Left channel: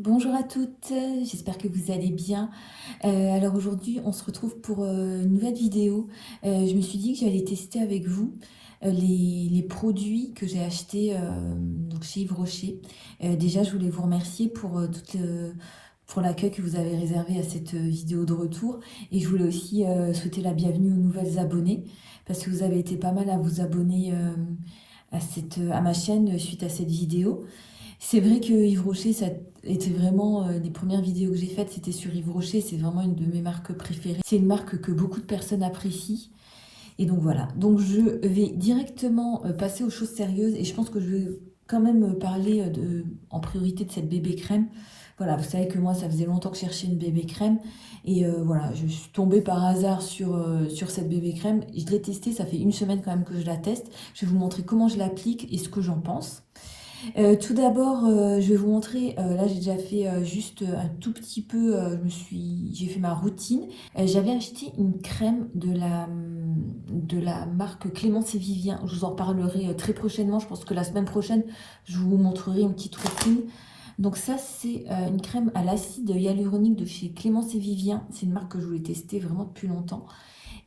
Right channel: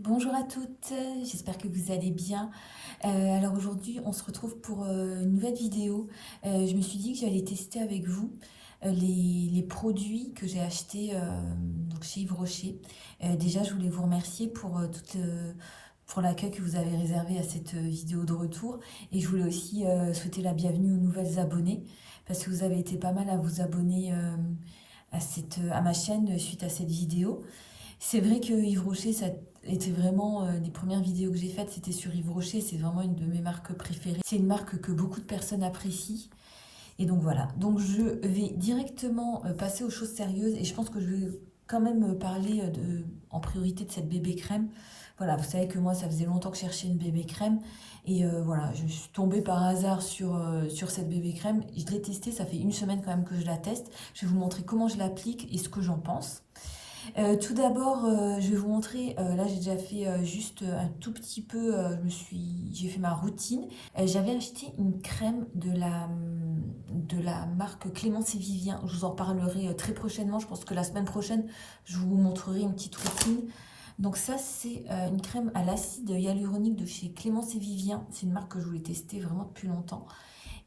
Bonjour à toutes, j'espère que vous allez bien. Alors aujourd'hui, on se retrouve pour une nouvelle vidéo. Je me suis dit que j'allais tester avec vous les produits que j'ai achetés donc chez Yves Rocher. Déjà, je voulais vous remercier pour l'accueil que vous avez réservé à cette vidéo de retour. Et je voulais aussi souhaiter la bienvenue aux nouvelles abonnés, parce que vous avez été pas mal à vous abonner à ma chaîne suite à cette vidéo. C'est vrai que Yves Rocher, ça était vraiment les premières vidéos que j'ai faites, c'était sur Yves Rocher. C'est vraiment une de mes marques préférées. C'est une marque que beaucoup de personnes apprécient. Et donc voilà. Donc je vais directement passer aux choses sérieuses. Et je pense que je vais quand même parler en priorité de cette bébé crème. Voilà, vous savez que moi, ça faisait longtemps que je cherchais une bébé crème. Et voilà, je suis tombée par hasard sur cette bébé crème. Je l'ai testée, ça fait une semaine quand même que je la teste. Je vais vous montrer comment je l'applique et ce que j'en pense. Tout d'abord, je vais vous montrer, là j'ai déjà fait juste un tout petit peu, j'ai fait ma routine. J'avais acheté une crème de la marque Clémence et Vivien. Je vous en parlerai très prochainement. Je pense que la semaine prochaine, je vous montrerai une petite routine. Donc ça, c'est une crème à l'acide hyaluronique de chez Clémence et Vivien. C'est une marque que je voulais tester vraiment depuis longtemps.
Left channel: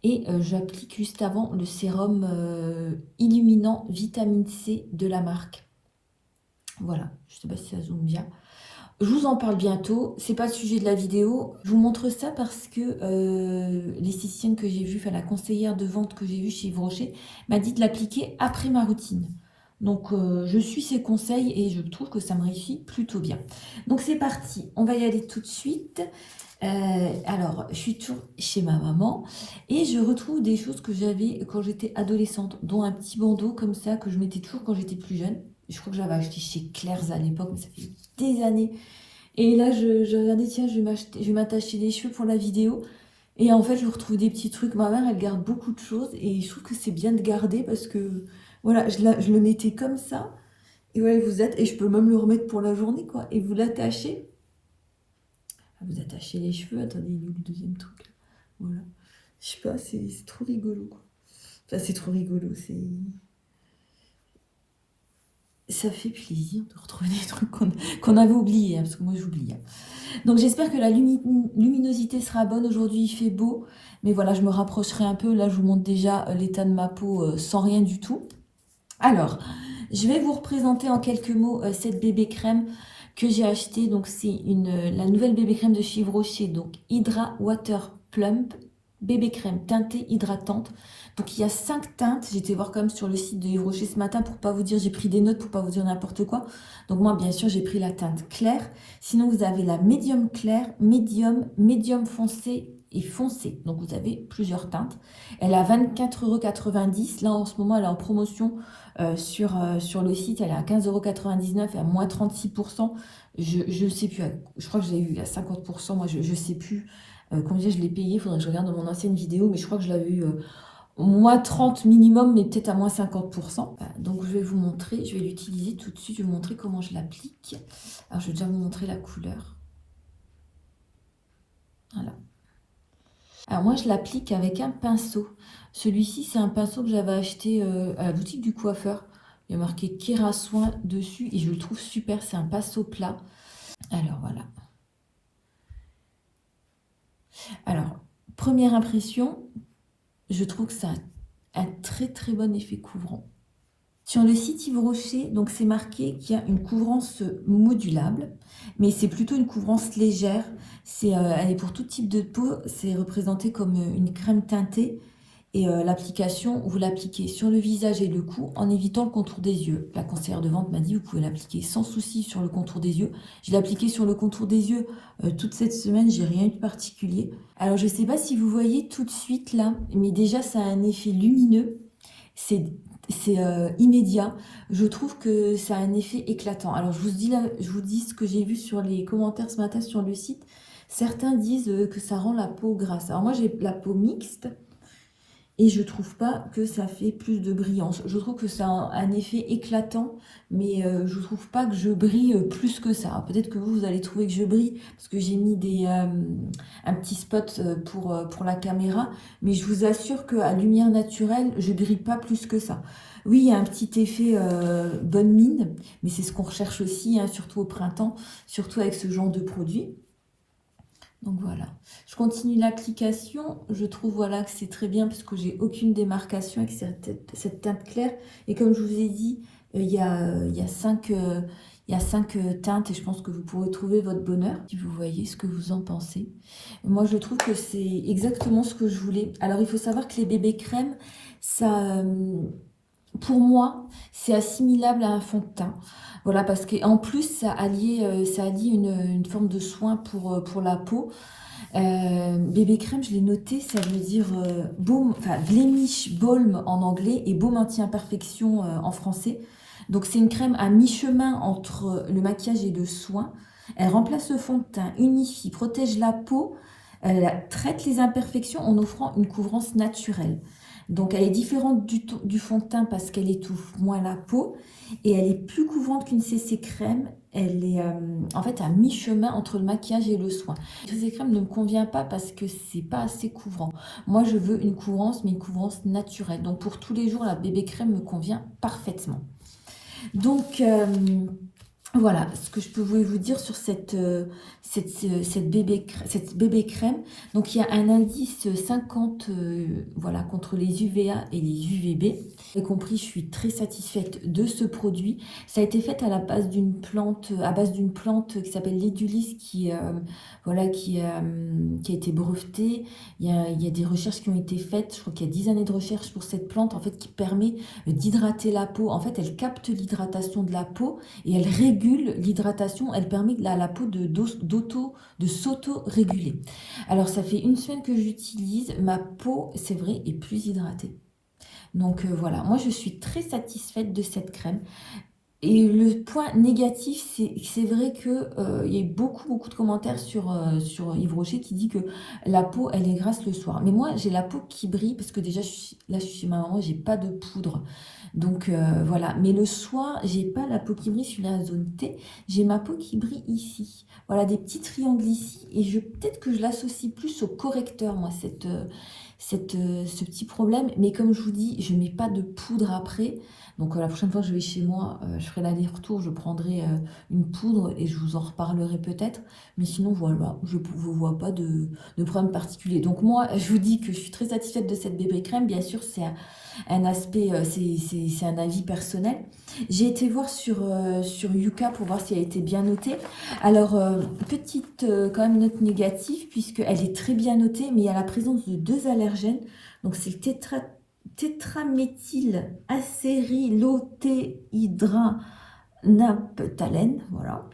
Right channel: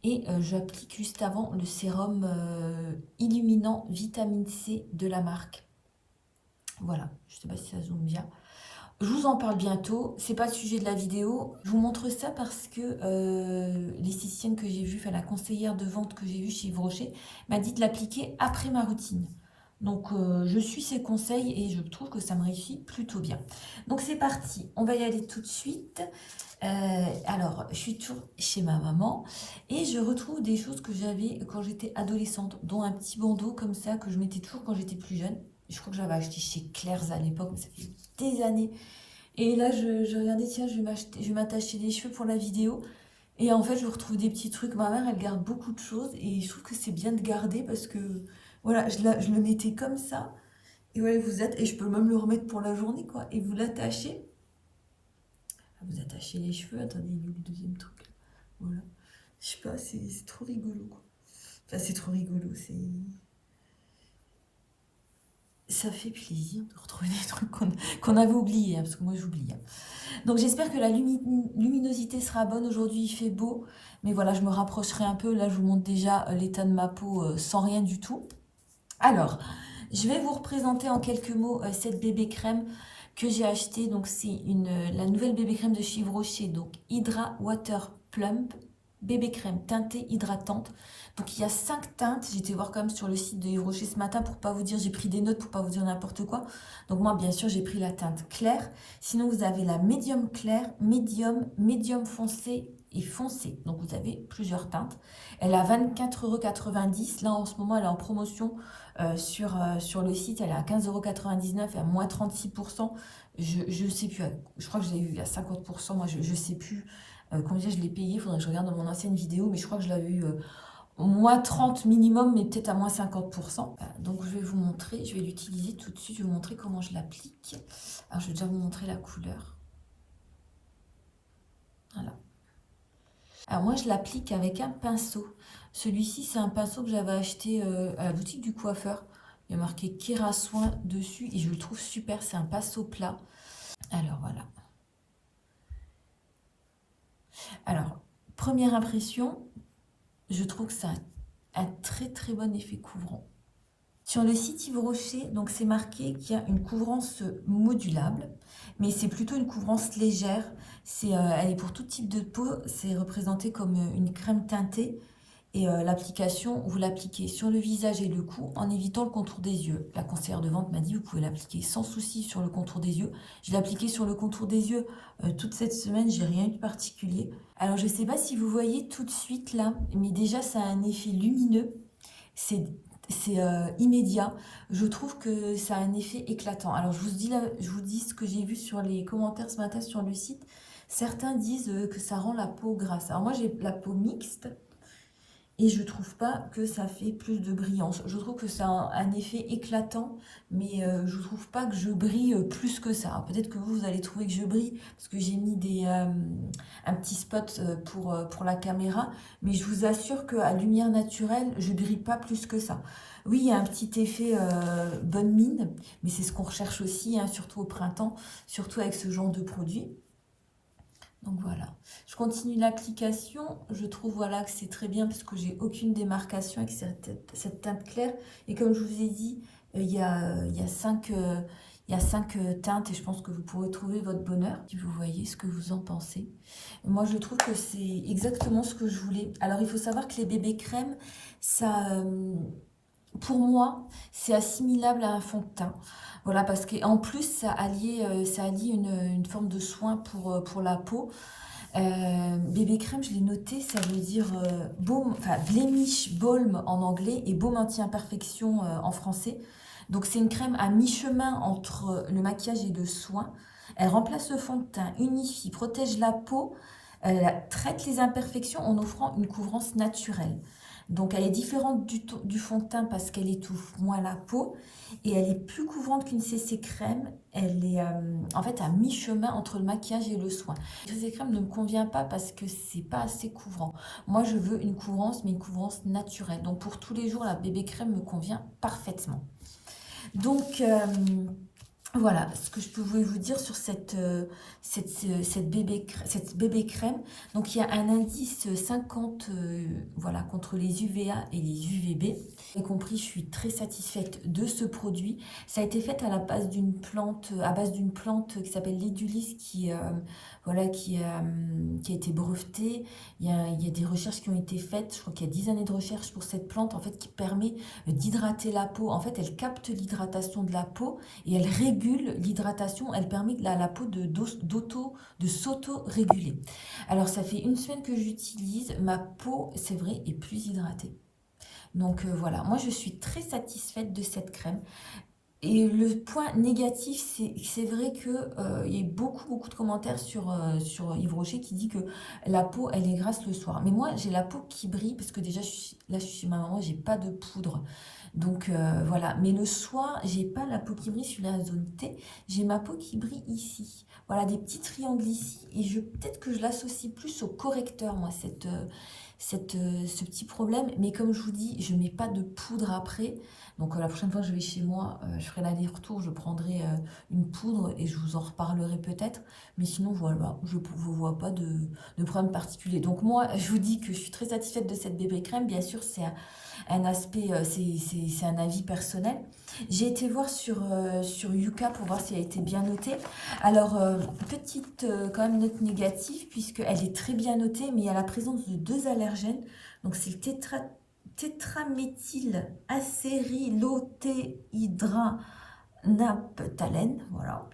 Et j'applique juste avant le sérum illuminant vitamine C de la marque. Voilà, je ne sais pas si ça zoome bien. Je vous en parle bientôt, c'est pas le sujet de la vidéo. Je vous montre ça parce que l'esthéticienne que j'ai vue, enfin la conseillère de vente que j'ai vue chez Yves Rocher, m'a dit de l'appliquer après ma routine. Donc je suis ses conseils et je trouve que ça me réussit plutôt bien. Donc c'est parti, on va y aller tout de suite. Alors, je suis toujours chez ma maman et je retrouve des choses que j'avais quand j'étais adolescente, dont un petit bandeau comme ça que je mettais toujours quand j'étais plus jeune. Je crois que j'avais acheté chez Claire's à l'époque, mais ça fait des années. Et là, je regardais, tiens, je vais m'attacher les cheveux pour la vidéo. Et en fait, je retrouve des petits trucs. Ma mère, elle garde beaucoup de choses et je trouve que c'est bien de garder parce que, voilà, je le mettais comme ça. Et ouais, et je peux même le remettre pour la journée, quoi. Et vous l'attachez. Ah, vous attachez les cheveux. Attendez, il est où le deuxième truc là. Voilà. Je sais pas, c'est trop rigolo, quoi. Enfin, c'est trop rigolo, c'est... Ça fait plaisir de retrouver des trucs qu'on avait oubliés, hein, parce que moi j'oublie. Hein. Donc j'espère que la luminosité sera bonne. Aujourd'hui il fait beau, mais voilà, je me rapprocherai un peu. Là je vous montre déjà l'état de ma peau sans rien du tout. Alors, je vais vous représenter en quelques mots cette bébé crème que j'ai achetée. Donc c'est la nouvelle bébé crème de chez Yves Rocher, donc Hydra Water Plump, bébé crème teintée hydratante. Donc il y a 5 teintes. J'étais voir quand même sur le site de Yves Rocher ce matin pour pas vous dire, j'ai pris des notes pour pas vous dire n'importe quoi. Donc moi bien sûr j'ai pris la teinte claire. Sinon vous avez la médium claire, médium foncé et foncé. Donc vous avez plusieurs teintes. Elle a 24,90 €. Là en ce moment elle est en promotion sur le site. Elle est à 15,99 € et à moins 36%. Je ne sais plus, je crois que je l'ai eu à 50%. Moi je ne sais plus combien je l'ai payé. Il faudrait que je regarde dans mon ancienne vidéo, mais je crois que je l'avais eu moins 30 minimum, mais peut-être à moins 50%. Donc je vais vous montrer, je vais l'utiliser tout de suite, je vais vous montrer comment je l'applique. Alors je vais déjà vous montrer la couleur. Voilà. Alors moi je l'applique avec un pinceau. Celui-ci c'est un pinceau que j'avais acheté à la boutique du coiffeur. Il y a marqué Kera Soin dessus et je le trouve super, c'est un pinceau plat. Alors voilà. Alors, première impression, je trouve que ça a un très très bon effet couvrant. Sur le site Yves Rocher, donc c'est marqué qu'il y a une couvrance modulable, mais c'est plutôt une couvrance légère. Elle est pour tout type de peau, c'est représenté comme une crème teintée. Et l'application, vous l'appliquez sur le visage et le cou en évitant le contour des yeux. La conseillère de vente m'a dit, vous pouvez l'appliquer sans souci sur le contour des yeux. Je l'ai appliqué sur le contour des yeux toute cette semaine, j'ai rien eu de particulier. Alors je ne sais pas si vous voyez tout de suite là, mais déjà ça a un effet lumineux. C'est immédiat. Je trouve que ça a un effet éclatant. Alors je vous dis ce que j'ai vu sur les commentaires ce matin sur le site. Certains disent que ça rend la peau grasse. Alors moi j'ai la peau mixte. Et je trouve pas que ça fait plus de brillance. Je trouve que ça a un effet éclatant, mais je trouve pas que je brille plus que ça. Peut-être que vous allez trouver que je brille, parce que j'ai mis un petit spot pour la caméra, mais je vous assure qu'à lumière naturelle, je brille pas plus que ça. Oui, il y a un petit effet bonne mine, mais c'est ce qu'on recherche aussi, hein, surtout au printemps, surtout avec ce genre de produit. Donc voilà, je continue l'application. Je trouve voilà que c'est très bien parce que j'ai aucune démarcation avec cette teinte claire. Et comme je vous ai dit, il y a cinq teintes et je pense que vous pourrez trouver votre bonheur si vous voyez ce que vous en pensez. Moi, je trouve que c'est exactement ce que je voulais. Alors, il faut savoir que les bébés crèmes, ça, pour moi, c'est assimilable à un fond de teint. Voilà, parce qu'en plus, ça allie une forme de soin pour la peau. Bébé crème, je l'ai noté, ça veut dire baume, enfin blemish balm en anglais et baume anti-imperfection en français. Donc c'est une crème à mi-chemin entre le maquillage et le soin. Elle remplace le fond de teint, unifie, protège la peau, traite les imperfections en offrant une couvrance naturelle. Donc elle est différente du fond de teint parce qu'elle étouffe moins la peau et elle est plus couvrante qu'une CC crème. Elle est en fait à mi-chemin entre le maquillage et le soin. Cette crème ne me convient pas parce que c'est pas assez couvrant. Moi, je veux une couvrance, mais une couvrance naturelle. Donc, pour tous les jours, la bébé crème me convient parfaitement. Donc, voilà ce que je peux vous dire sur cette bébé crème. Donc, il y a un indice 50 voilà, contre les UVA et les UVB. Vous avez compris, je suis très satisfaite de ce produit. Ça a été fait à base d'une plante qui s'appelle l'édulis voilà, qui a été brevetée. Il y a des recherches qui ont été faites. Je crois qu'il y a 10 années de recherche pour cette plante en fait, qui permet d'hydrater la peau. En fait, elle capte l'hydratation de la peau et elle régule l'hydratation. Elle permet à la peau de s'auto-réguler. Alors, ça fait une semaine que j'utilise. Ma peau, c'est vrai, est plus hydratée. Donc voilà, moi je suis très satisfaite de cette crème. Et le point négatif, c'est vrai que il y a eu beaucoup de commentaires sur Yves Rocher qui dit que la peau, elle est grasse le soir. Mais moi, j'ai la peau qui brille parce que déjà, là, je suis chez ma maman, j'ai pas de poudre. Donc voilà, mais le soir, j'ai pas la peau qui brille sur la zone T, j'ai ma peau qui brille ici. Voilà, des petits triangles ici. Et peut-être que je l'associe plus au correcteur, moi, ce petit problème. Mais comme je vous dis, je mets pas de poudre après. Donc la prochaine fois que je vais chez moi, je ferai l'aller-retour, je prendrai une poudre et je vous en reparlerai peut-être. Mais sinon, voilà, je ne vois pas de problème particulier. Donc moi, je vous dis que je suis très satisfaite de cette bébé crème. Bien sûr, c'est un aspect, c'est un avis personnel. J'ai été voir sur Yuka pour voir si elle était bien notée. Alors, petite quand même note négative, puisqu'elle est très bien notée, mais il y a la présence de 2 allergènes. Donc, c'est le tétraméthylacérylotéhydranaphthalène, voilà.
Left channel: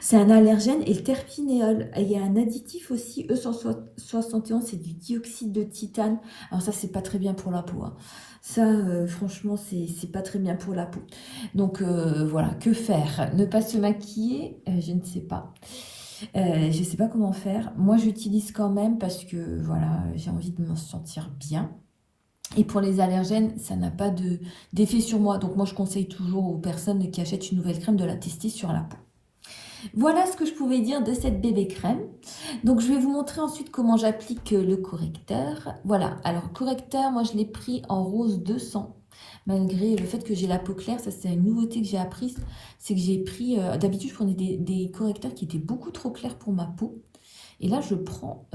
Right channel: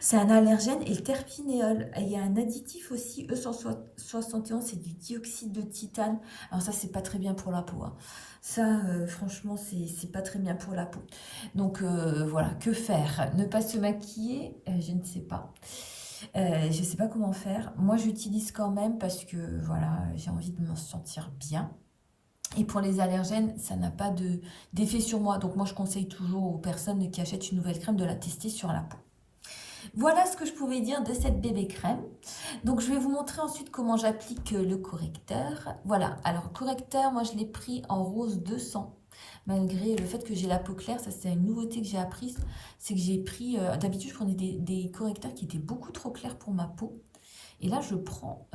C'est un allergène et le terpinéol. Et il y a un additif aussi, E171, c'est du dioxyde de titane. Alors ça, c'est pas très bien pour la peau, hein. Ça, franchement, c'est pas très bien pour la peau. Donc voilà, que faire? Ne pas se maquiller? Je ne sais pas. Je ne sais pas comment faire. Moi, j'utilise quand même parce que voilà, j'ai envie de me sentir bien. Et pour les allergènes, ça n'a pas d'effet sur moi. Donc moi, je conseille toujours aux personnes qui achètent une nouvelle crème de la tester sur la peau. Voilà ce que je pouvais dire de cette bébé crème. Donc je vais vous montrer ensuite comment j'applique le correcteur. Voilà, alors correcteur, moi je l'ai pris en rose 200. Malgré le fait que j'ai la peau claire, ça c'est une nouveauté que j'ai apprise. C'est que j'ai pris, d'habitude je prenais des correcteurs qui étaient beaucoup trop clairs pour ma peau. Et là, je prends,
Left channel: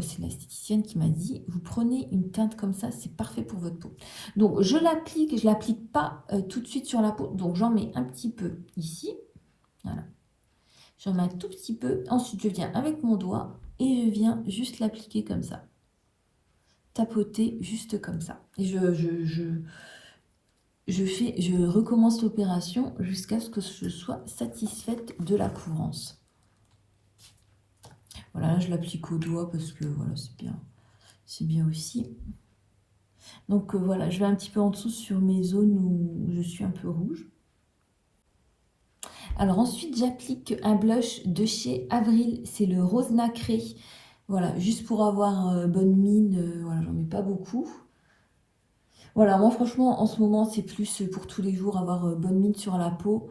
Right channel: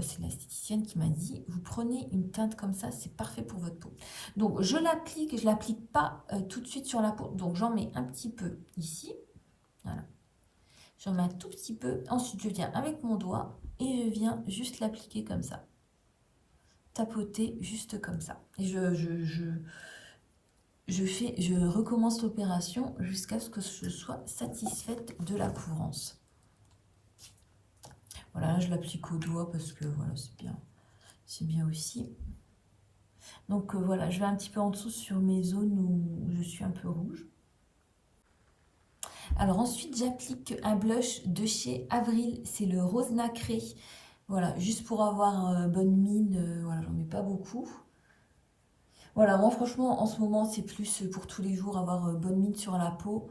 c'est l'esthéticienne qui m'a dit, vous prenez une teinte comme ça, c'est parfait pour votre peau. Donc, je l'applique pas tout de suite sur la peau. Donc, j'en mets un petit peu ici. Voilà. J'en mets un tout petit peu. Ensuite, je viens avec mon doigt et je viens juste l'appliquer comme ça. Tapoter juste comme ça. Et je recommence l'opération jusqu'à ce que je sois satisfaite de la couvrance. Voilà, là, je l'applique au doigt parce que voilà, c'est bien aussi. Donc voilà, je vais un petit peu en dessous sur mes zones où je suis un peu rouge. Alors ensuite, j'applique un blush de chez Avril, c'est le rose nacré. Voilà, juste pour avoir bonne mine, voilà, j'en mets pas beaucoup. Voilà, moi franchement, en ce moment, c'est plus pour tous les jours, avoir bonne mine sur la peau.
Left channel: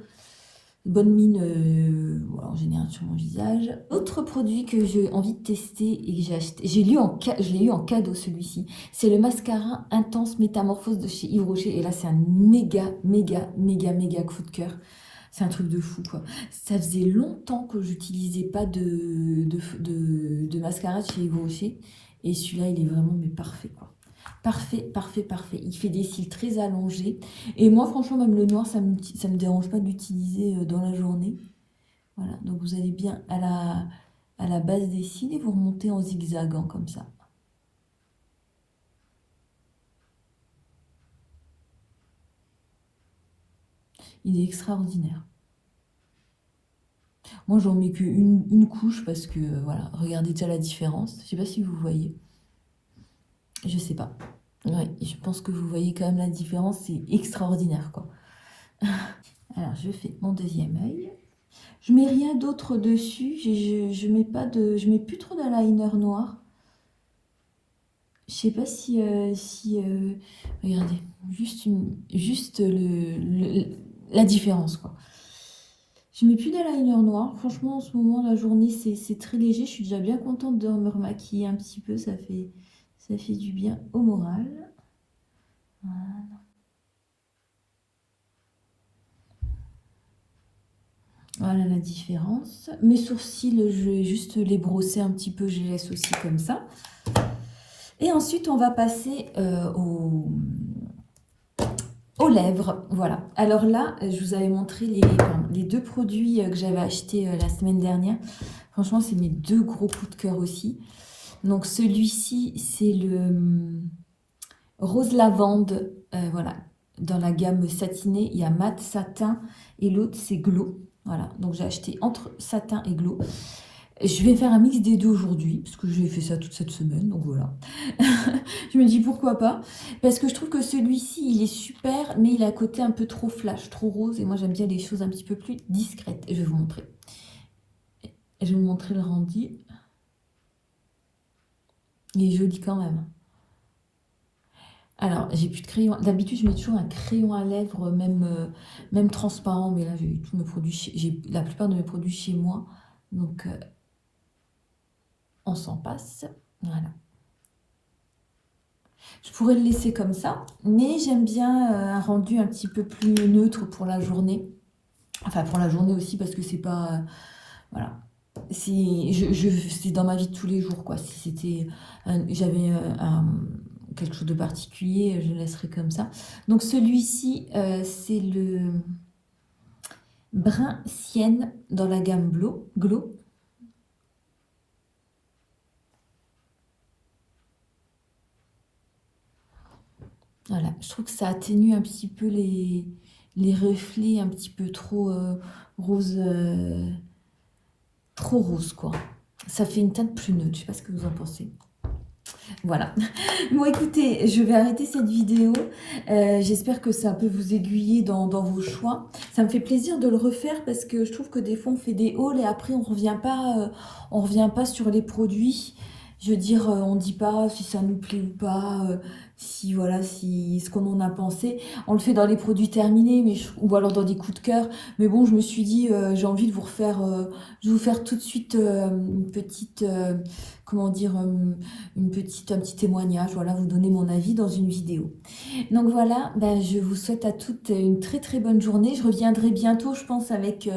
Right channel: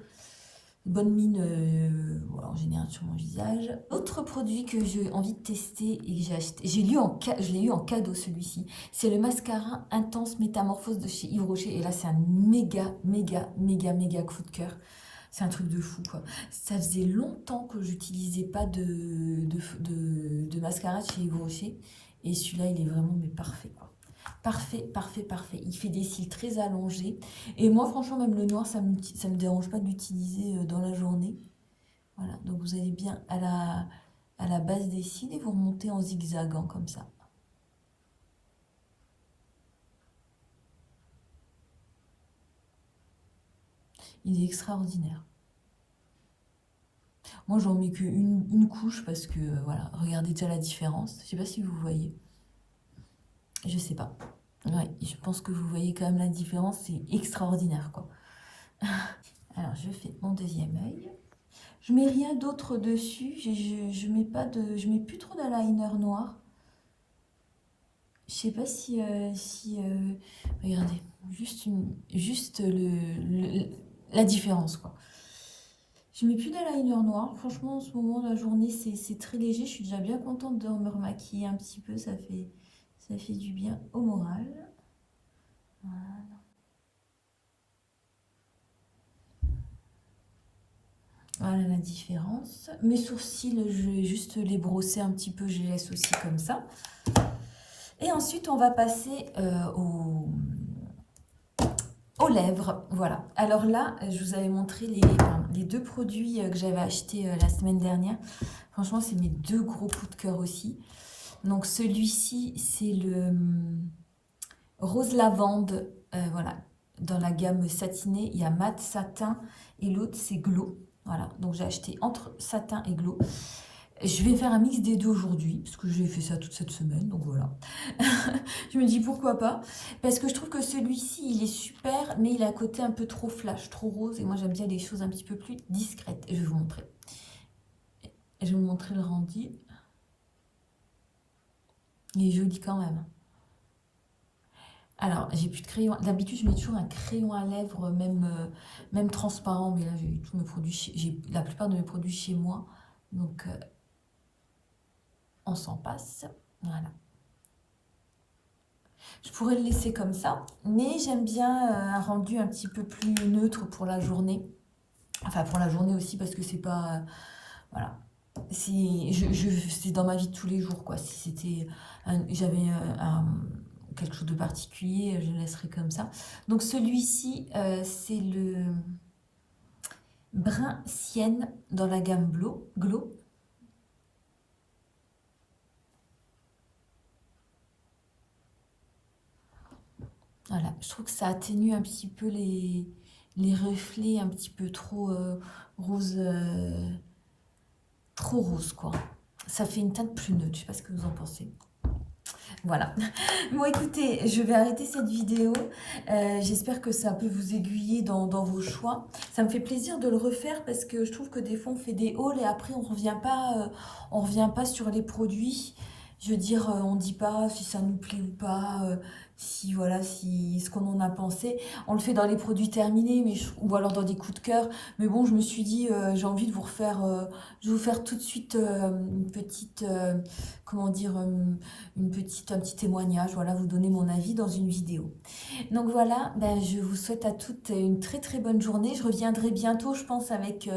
bonne mine en général sur mon visage. Autre produit que j'ai envie de tester et que j'ai acheté, je l'ai eu en cadeau celui-ci, c'est le mascara Intense Métamorphose de chez Yves Rocher. Et là, c'est un méga, méga, méga, méga coup de cœur. C'est un truc de fou, quoi. Ça faisait longtemps que j'utilisais pas de mascara de chez Yves Rocher. Et celui-là, il est vraiment mais parfait, quoi. Parfait, parfait, parfait. Il fait des cils très allongés. Et moi, franchement, même le noir, ça me dérange pas de l'utiliser dans la journée. Voilà, donc vous allez bien à la base des cils et vous remontez en zigzagant comme ça. Il est extraordinaire. Moi, j'en mets qu'une couche parce que, voilà, regardez déjà la différence. Je sais pas si vous voyez. Je sais pas. Ouais, je pense que vous voyez quand même la différence. C'est extraordinaire, quoi. Alors, je fais mon deuxième œil. Je mets rien d'autre dessus. Je mets pas je mets plus trop d'eyeliner noir. Je sais pas regardez, juste la différence, quoi. Je mets plus d'eyeliner noir. Franchement, en ce moment, la journée, c'est très léger. Je suis déjà bien contente de me remaquiller un petit peu. Ça fait du bien au moral. Voilà. Voilà la différence. Mes sourcils, je vais juste les brosser un petit peu. Je les laisse aussi comme ça. Et ensuite, on va passer aux lèvres. Voilà. Alors là, je vous avais montré les deux produits que j'avais achetés la semaine dernière. Franchement, c'est mes deux gros coups de cœur aussi. Donc celui-ci, c'est le rose lavande. Voilà. Dans la gamme satinée, il y a mat satin et l'autre, c'est glow. Voilà. Donc j'ai acheté entre satin et glow. Je vais faire un mix des deux aujourd'hui, parce que j'ai fait ça toute cette semaine, donc voilà. Je me dis pourquoi pas, parce que je trouve que celui-ci, il est super, mais il a un côté un peu trop flash, trop rose, et moi j'aime bien les choses un petit peu plus discrètes. Et je vais vous montrer. Je vais vous montrer le rendu. Il est joli quand même. Alors, j'ai plus de crayon. D'habitude, je mets toujours un crayon à lèvres, même transparent, mais là, j'ai tous mes produits, j'ai la plupart de mes produits chez moi, donc on s'en passe. Voilà. Je pourrais le laisser comme ça, mais j'aime bien un rendu un petit peu plus neutre pour la journée. Enfin, pour la journée aussi, parce que c'est pas... voilà. C'est dans ma vie de tous les jours, quoi. Si c'était... j'avais quelque chose de particulier, je le laisserais comme ça. Donc celui-ci, c'est le brun sienne dans la gamme Glow. Voilà, je trouve que ça atténue un petit peu les reflets un petit peu trop rose, quoi. Ça fait une teinte plus neutre, je sais pas ce que vous en pensez. Voilà. Bon, écoutez, je vais arrêter cette vidéo. J'espère que ça peut vous aiguiller dans vos choix. Ça me fait plaisir de le refaire parce que je trouve que des fois, on fait des hauls et après, on revient pas sur les produits. Je veux dire, on ne dit pas si ça nous plaît ou pas, si voilà, si ce qu'on en a pensé. On le fait dans les produits terminés, ou alors dans des coups de cœur. Mais bon, je me suis dit, j'ai envie de vous refaire, je vais vous faire tout de suite une petite, comment dire, un petit témoignage, voilà, vous donner mon avis dans une vidéo. Donc voilà, ben, je vous souhaite à toutes une très très bonne journée. Je reviendrai bientôt, je pense, avec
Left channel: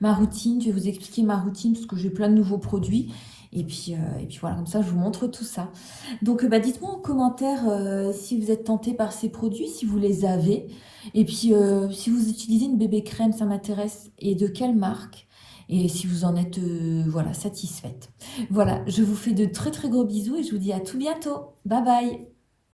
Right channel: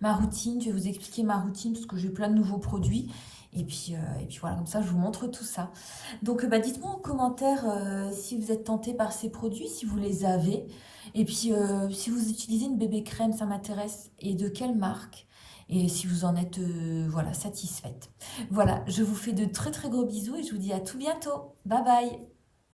ma routine. Je vais vous expliquer ma routine parce que j'ai plein de nouveaux produits. Et puis voilà, comme ça, je vous montre tout ça. Donc dites-moi en commentaire si vous êtes tenté par ces produits, si vous les avez. Et puis si vous utilisez une bébé crème, ça m'intéresse. Et de quelle marque? Et si vous en êtes voilà, satisfaite. Voilà, je vous fais de très très gros bisous et je vous dis à tout bientôt. Bye bye!